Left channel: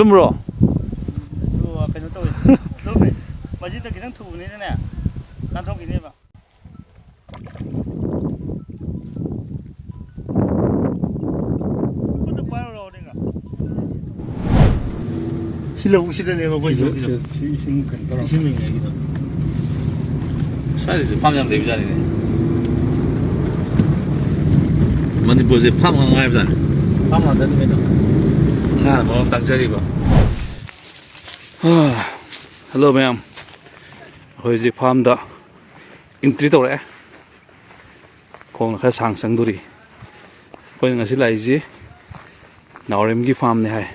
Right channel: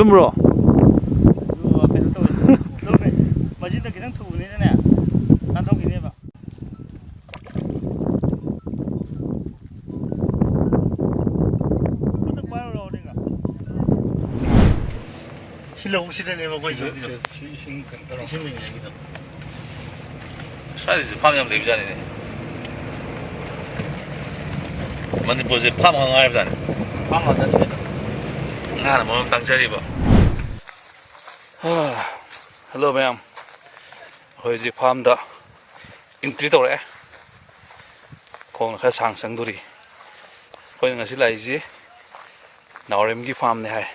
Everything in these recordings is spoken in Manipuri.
룸으로. 룸이 마진도 그냥 투분이네. 난 통기네 봐. 실력 실전에 뭐 보이죠? 신능 얘기도. 사이즈 팜장 내기잖아요. Manipur 팜 강화해잖아. 팜 만드는 게. 나는 뭐 당자리 봐. Hello ma'am. Hồi dịch farm đó entry tàu đấy còn khai sáng sáng đuri hồi ngày xưa lại gì Naorem cái farm này hay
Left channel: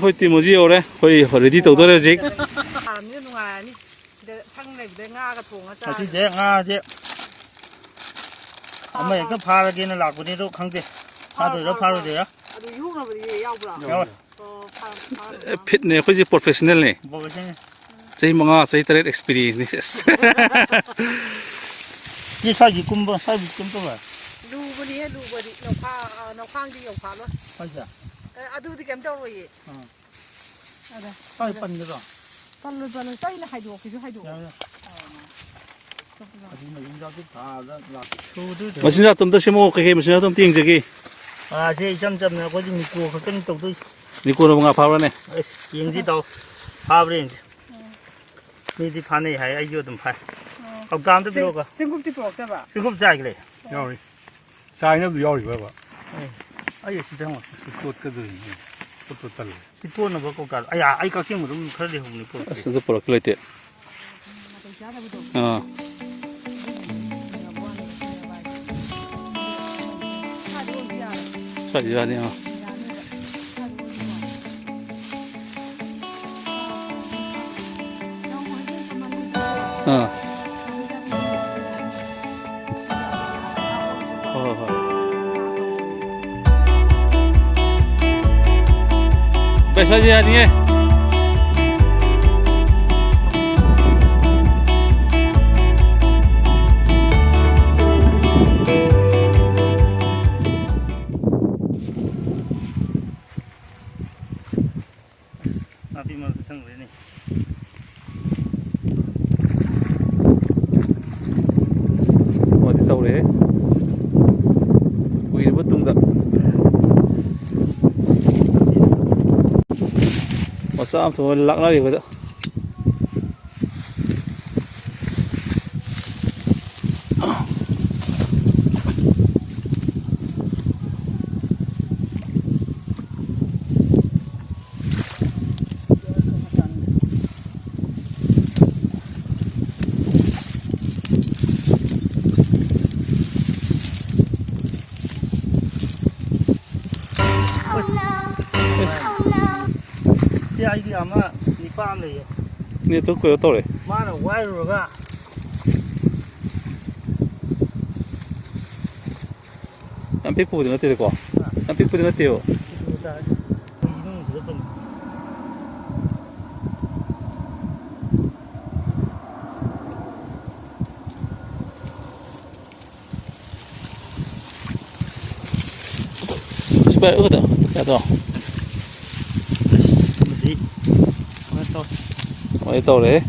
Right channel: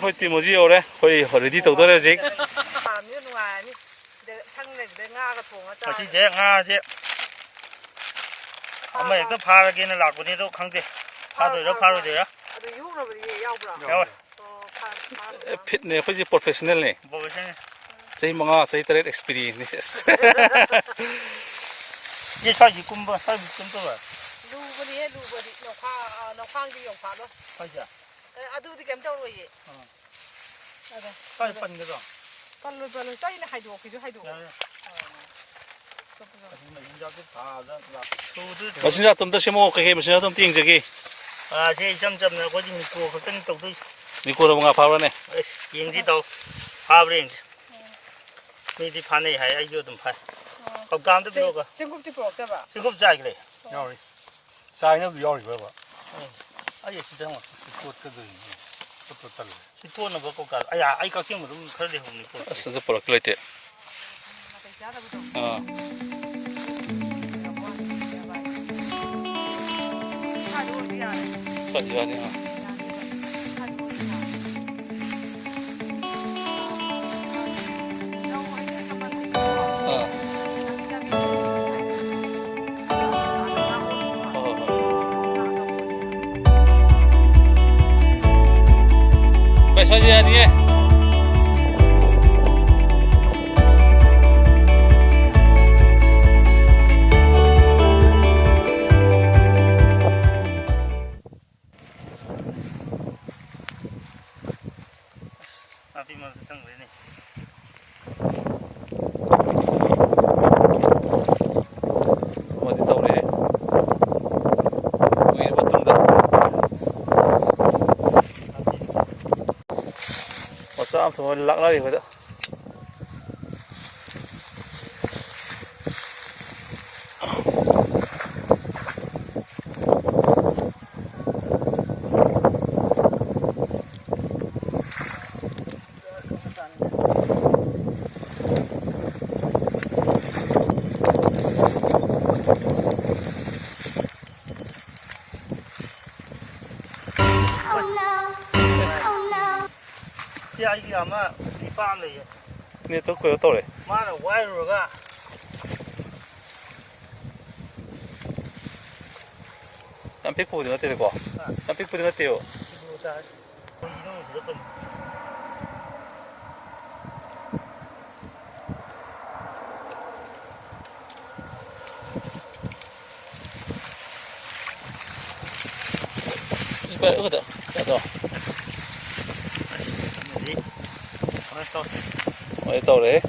hồi tìm một gì rồi đấy hồi đi tàu tôi là gì 같이 제 가지 아마 일단 파라기는 라고니도 강대 파도로 파로 돼요. 핏네 거기 프로페셔널네 저희 뭔가 저희 딸의 experience 이 사기 꿈봐 사기 꿈도 봐 누구리 해 누구리 너 강지 역할로 맞아 아두디 감정을 해 빨리 빨리 내가 빨리 전에 사인을 해줘 기도 해줘 마신자 좀 더 심어 그게 마신자 좀 띵저기 아, 제 점점에 거기 믿고 그랬더니 또 니꼬로 뭔가 파라네 영지도 파브링 미디 파네 하야 이거 좀 파. 걱정도 들어가. 중국도 먹자 봐. 중국 자 그래. 야리. 사이는 야리 봐봐. 아예 진짜 뭐. 그것도 그것도 달라. 시포는 먹고 가. 아야, 아이 깎이면 좀 그래 보니까. 아스도 보라 클레테 사지라니야 Vậy sao gì đi? 나비 뭐 생각 왜 내? 어디 있다 그래? 우리 못 둔다. 싸움 더 lạc rồi đó. 야 이게 아마 이 밤에 네 또 거요 또 그래. 마는 와이로가 안 픽고 어디 갔대 이거? 안 픽고 어디 갔대요? 이놈이 들었더니 빨리 어디다? 야 또. 어디 있다 그래?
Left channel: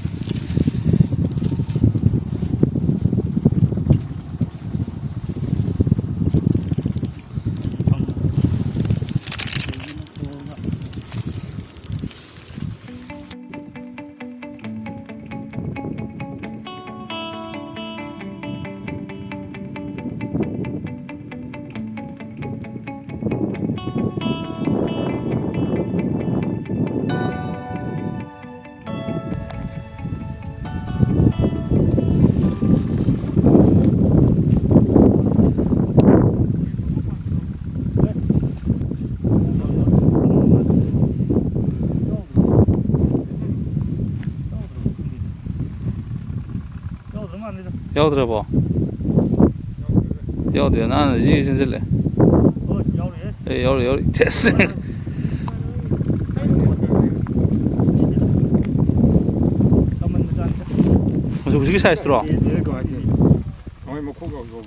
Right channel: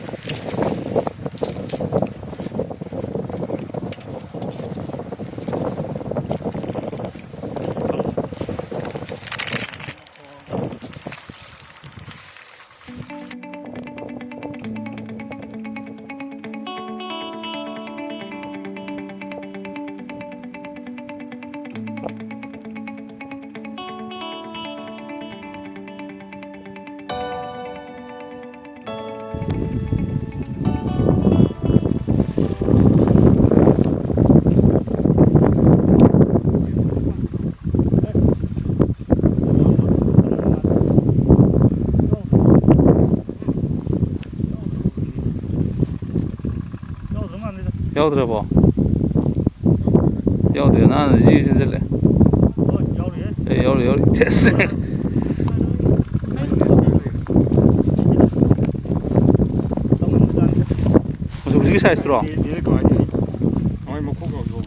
야우들어 봐. 야우들 나는 이제 진짜래. 야우리 야우리 됐어. ꯍꯧꯖꯤꯛꯀꯤ ꯁꯥꯏꯖꯇꯨꯔꯣ 얘네 거 아니니? 어이 뭐 코가 이거.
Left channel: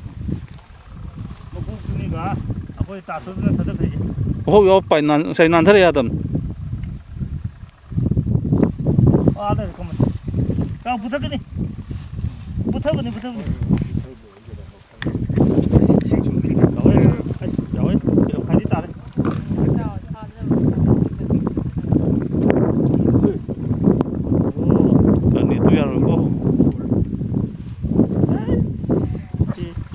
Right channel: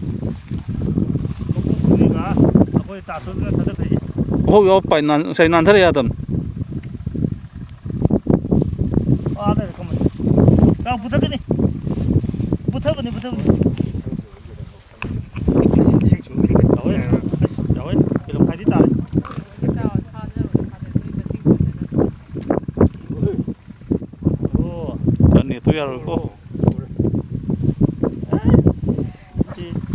우리가 아버지 따서는 더더지. ꯍꯣꯏ ꯌꯥꯎ ꯄꯥꯏ ꯉꯁꯥꯏ ꯅꯥꯟꯊꯔ ꯌꯥꯗꯕꯅꯤ 아, 네, 잠깐만. 야, 붙어가니. 붙어가니. 야외, 이런 파지 따. 아니 또 야르고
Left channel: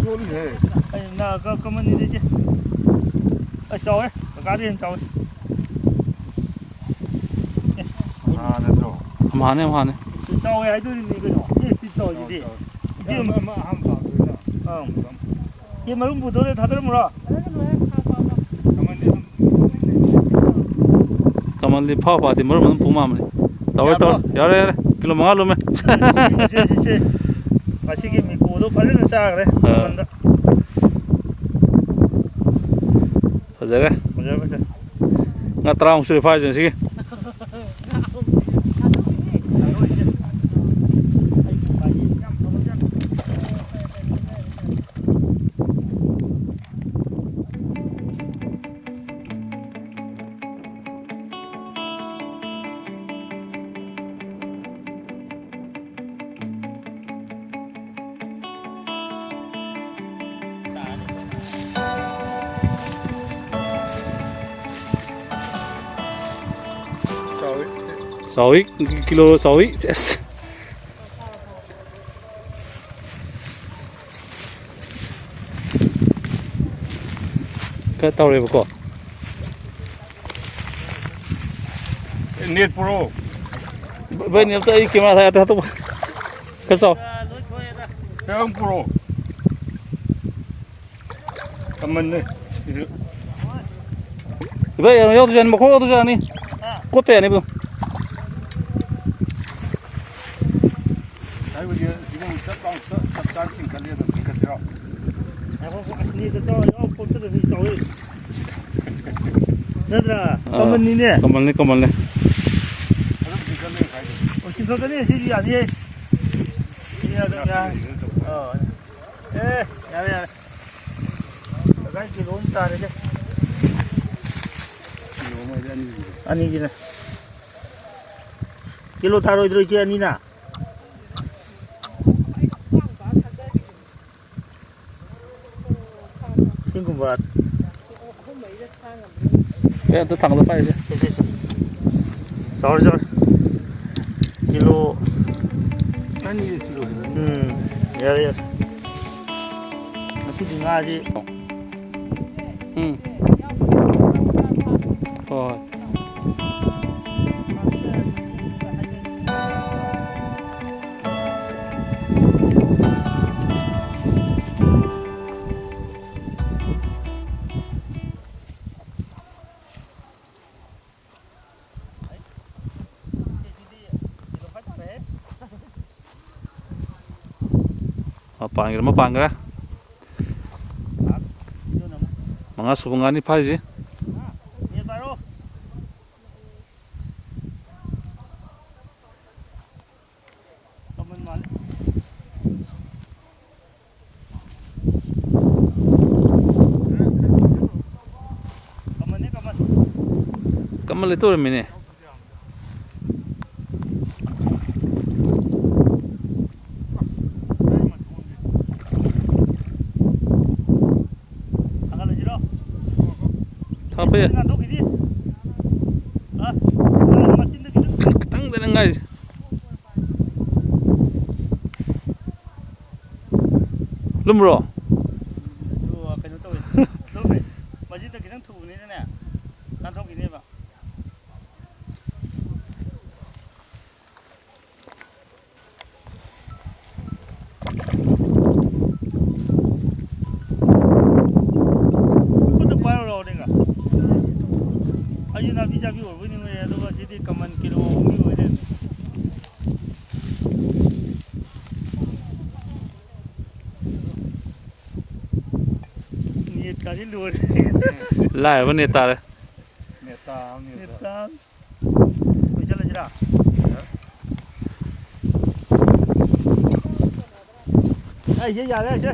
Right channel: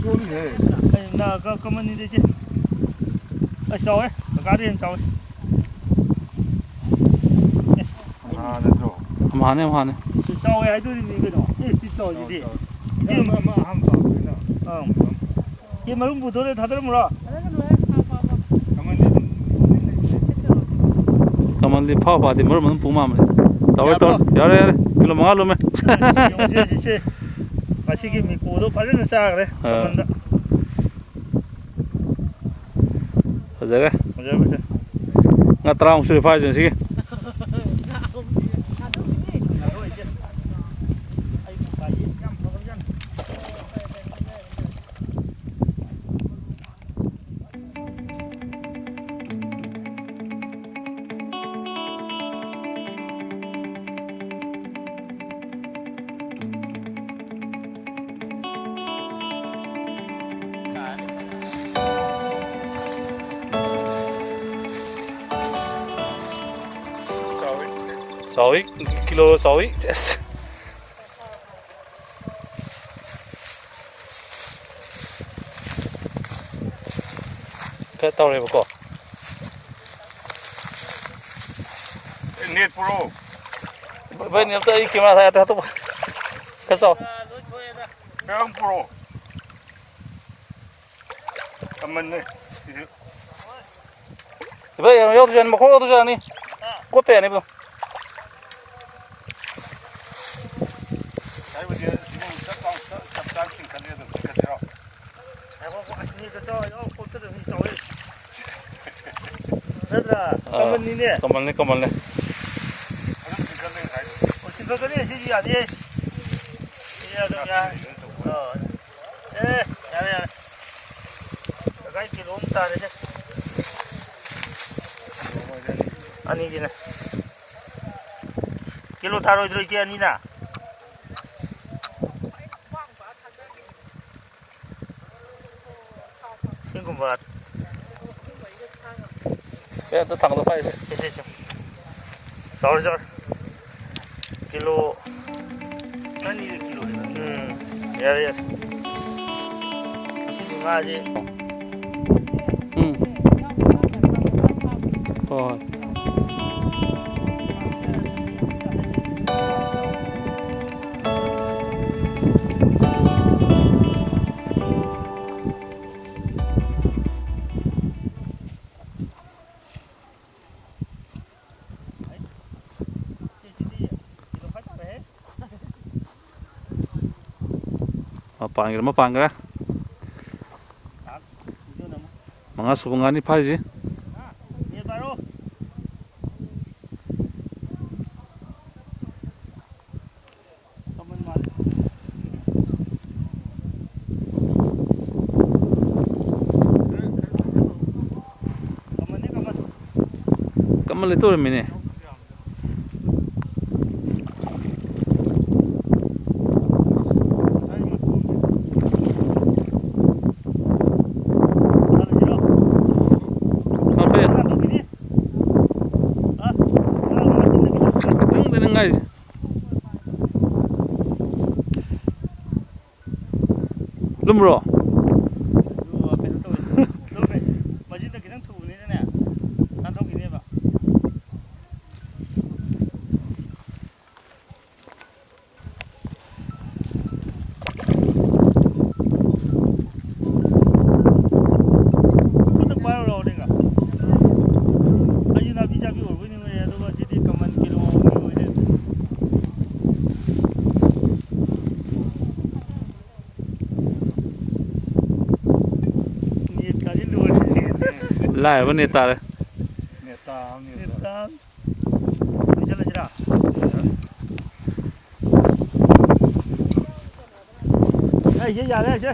쏘네. 아니, 나 그러면 이제 야외, 가디 야외. 아, 네 들어. 하네 하네 야외 아이들이 이거죠. 이 비싸 이제. 지금 뭐 한번 그러나. 이 말은 무도래 다들 뭐라. kamalli phaba di mar man puma man tawai taw yare kilo manga lume 마시기 미고도 빨리는 싸 그래. 간다. fazere 먼저 보자. nga traung suri phai jen sige sawi kilo sawi yes ka tawre ko net pro. bên em tới kiếm ra thay tôi cái sao 대형 프로. 잠깐만요. vậy em yêu tôi một khô tôi ra đi cốt bè này bro 아이고 지금 짝짱 갈려도 그렇게요. 아니 저 포트도 있어. 얘들아, 어머니네. kamalne 그렇게 갈려 가야 돼. 신거더니 시기 아니. 이야 야래. 가이 길온 따르게. 아니기네. 길로 타로 들어있지 아니나. 신금 봐. cái tôi thằng tôi phải 서울 길로 아니 길로 야야 시딩 아지 rồi mapang ra mga subungan ni phai ji kamal itu mene apa ya keteng dengan guys lumro lại vấn đề ta đây 냈다. 일단 이절러지라 ꯑꯩꯁꯦ ꯌꯥꯔꯦ ꯑꯩꯁꯦ